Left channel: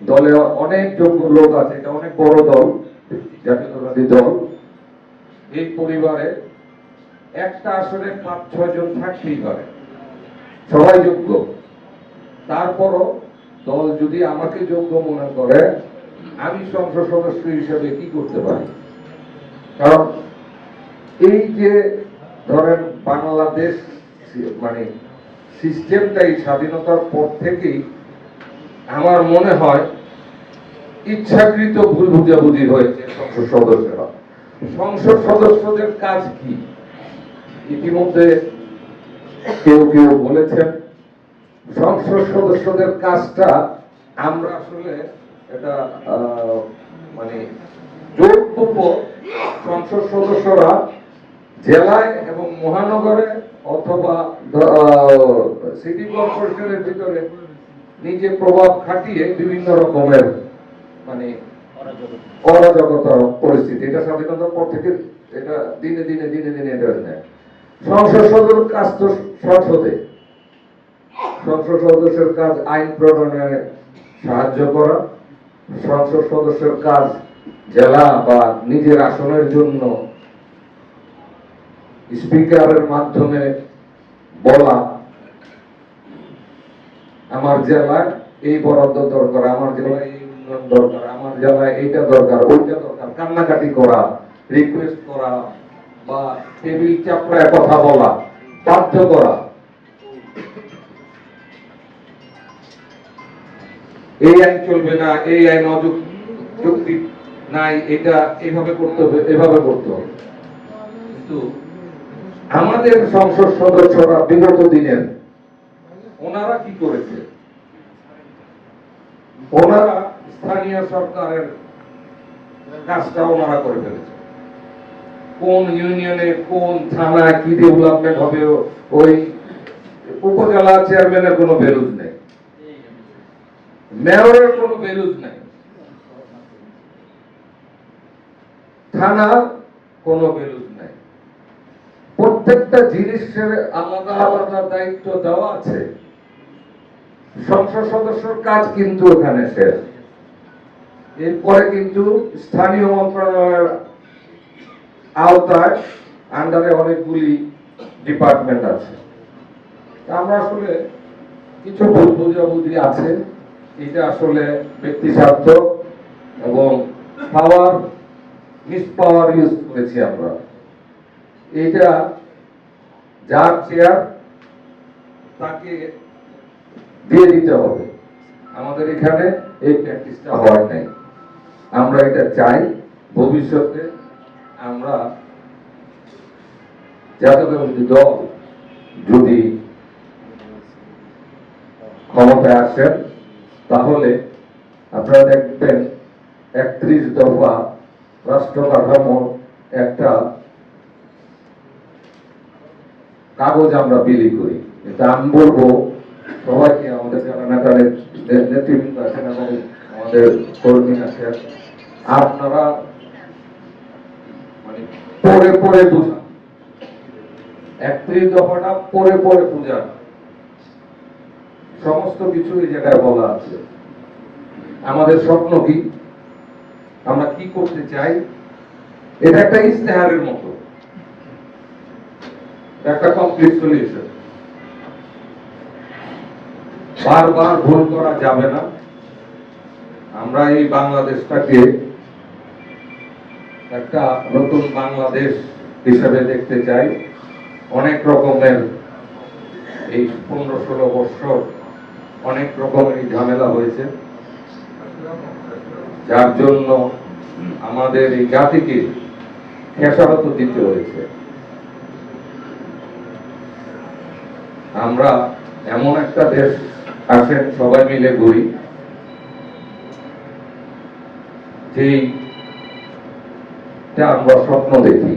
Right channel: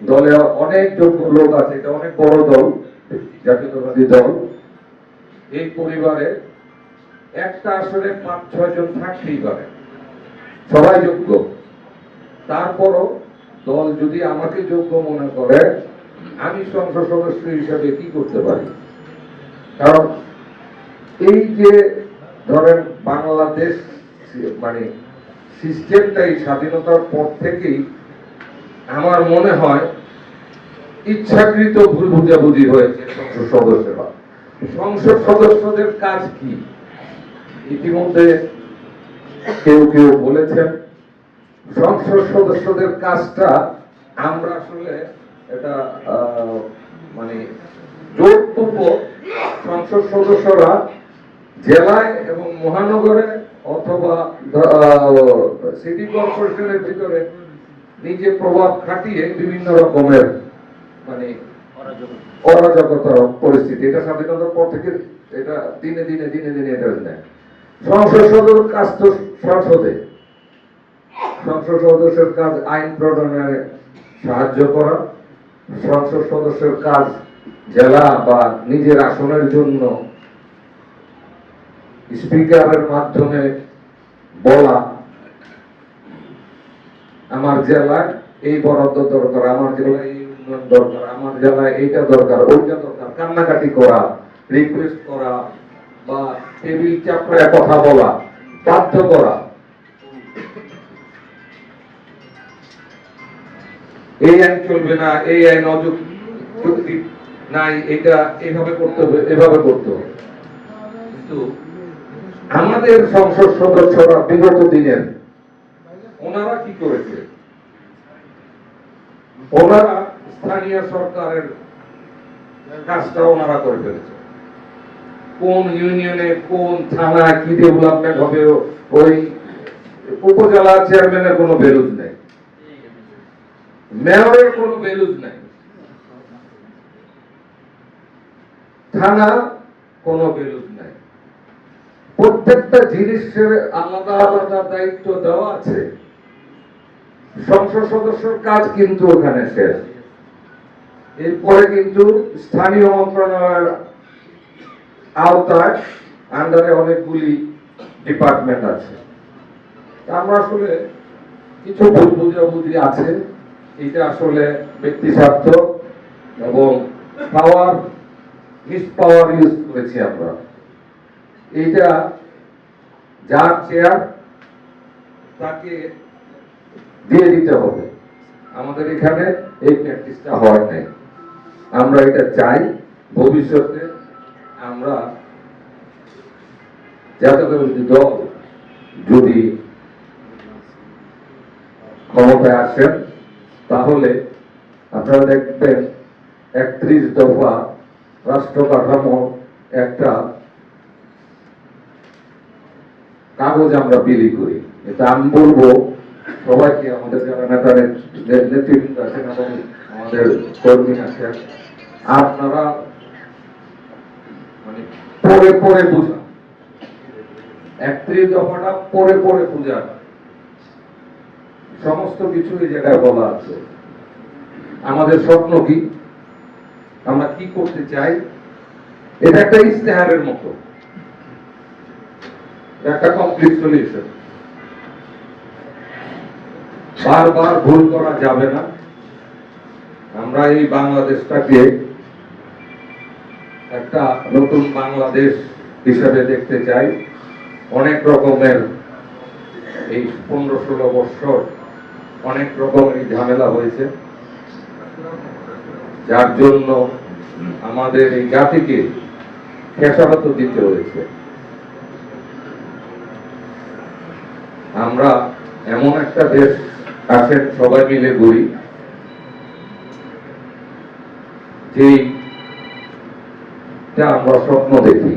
দলে অনেক যোগ্য লোক আছে, এটা অনেক বড় দল, জাতীয়তাবাদী দল। এই পরিবারে একটা আসলে 5-6 জন থাকতেই পারে, সবাই যোগ্য। তারপরও দল যদি আমাকে যোগ্য মনে করে, আমি সংসদ সদস্য হিসেবে কি করতে পারি? কারণ এই যে ধরেন বাংলাদেশ মানে সিস্টেমটাই স্বাধীনতার পর থেকেই আমার মনে হয় ইচ্ছাকৃত ভুল বুঝাবুঝি হয়েছে সংসদ সদস্যরা। সংসদ সদস্যদের কাজ কি? ইতিমধ্যে কেউ কেউ বলেছেন সংসদ সদস্যদের কাজটা আমরা আসলে এটা মানে জোরপূর্বক সংসদ সদস্যরা জেলায় এবং মহানগরে অথবা সিটি কর্পোরেশনের ভিতরে নিজে প্রভাব খাটিয়ে বিভিন্ন রকমের মানে অরাজকতা পরিস্থিতি, এটা স্বাধীনতার পর থেকে এটা দিনে দিনে দিনে দিনে এটা নেয়। সংসদ সদস্যের কাজ তো সংসদে, সংসদ সদস্যের কাজ আইন প্রণয়নে সাহায্য করা, সংসদ সদস্যের কাজ জেলা বা নিজের আসনের জন্য স্পিকারের মাধ্যমে বলা আমার জেলায় এই বরাদ্দ দরকার, আমার জেলায় এই উন্নয়ন দরকার, আমার জেলায় এইটা দরকার, ওইটা দরকার, কান্নাকাটি করা, রিকোয়েস্ট করা বা টেবিল চাপড়ায় কথা বলা, বাধ্য করা। এই আইন চলবে না, এই আইন অযুক্তি নাই, এটা এভাবে করতে হবে, এভাবে করতে হবে। কিন্তু আমাদের সংসদ সদস্যরা বিগত দিনের ওনারা কি করেছে? ওনারা স্থানীয় সরকারের কাজটা ওনারা করে ফেলেছে। কোন ইউনিয়নে কোন থানায় কি ডেভেলপমেন্ট হবে ওই উপজেলা চেয়ারম্যানের কোনো বেরুজ নেই, মেয়রের কোনো বেরুজ নেই, থানার কোনো বেরুজ নেই। প্রত্যেকটা জিনিসের আলাদা আলাদা দায়িত্ব দেওয়া আছে। সংসদ সদস্যর কাজ কিন্তু ওখানে শেষ। এরপরে কিন্তু স্থানীয় মন্ত্রণালয়ের আওতায় আন্ডারে অনেকগুলি ডিপার্টমেন্ট আছে। আমরা আসলে কিছু ভুল বুঝাবুঝি আছে, এটা আসলে ব্যক্তি স্বার্থ এবং পাওয়ার মিস পাওয়ার ইউজ করেছি আমরা। এটা যার চেয়ার তাকে দিয়ে দিতে হবে, আমাদের এখানে এই প্র্যাকটিসটা হয় নাই। আমরা এটা চাই ভবিষ্যতে আমরা জাতীয়তাবাদী দল যদি ক্ষমতায় আসেন তাহলে আপনারা দেখবেন 31 দফা রাষ্ট্র কাঠামোর একটা কাগজ আমরা বিলি করি। এটা আমি বলবো সবাইকে, আমাদের যারা নেতা নেতৃবৃন্দ আছেন এবং আমাদের কর্মী আছেন, আপনারা মানে পরে পরে বুঝান, 31 দফাটা পরে পরে বুঝান। সমস্ত কিছু এই জায়গায় বলা আছে। আমাদের স্বপ্ন কি, আমরা কি করতে চাই, এটা একটা ইস্তেহারের মতো, একটা কমপ্লিট সলিউশন। বারবার ভুল করা যাবে না। আমরা এই বাংলাদেশটাকে একটা নতুন বাংলাদেশ হিসেবে দেখতে চাই। অনেক রকমের এই 15-16 বছর অনেক রকমের ঝামেলা হয়েছে, যার জন্য আমাদের এই জাতিকে খেসারত দিতে হয়েছে। আমরা এমন একটা দেশ আসেন সবাই মিলে ঘুরি, যেটা আমরা স্বপ্ন দেখি।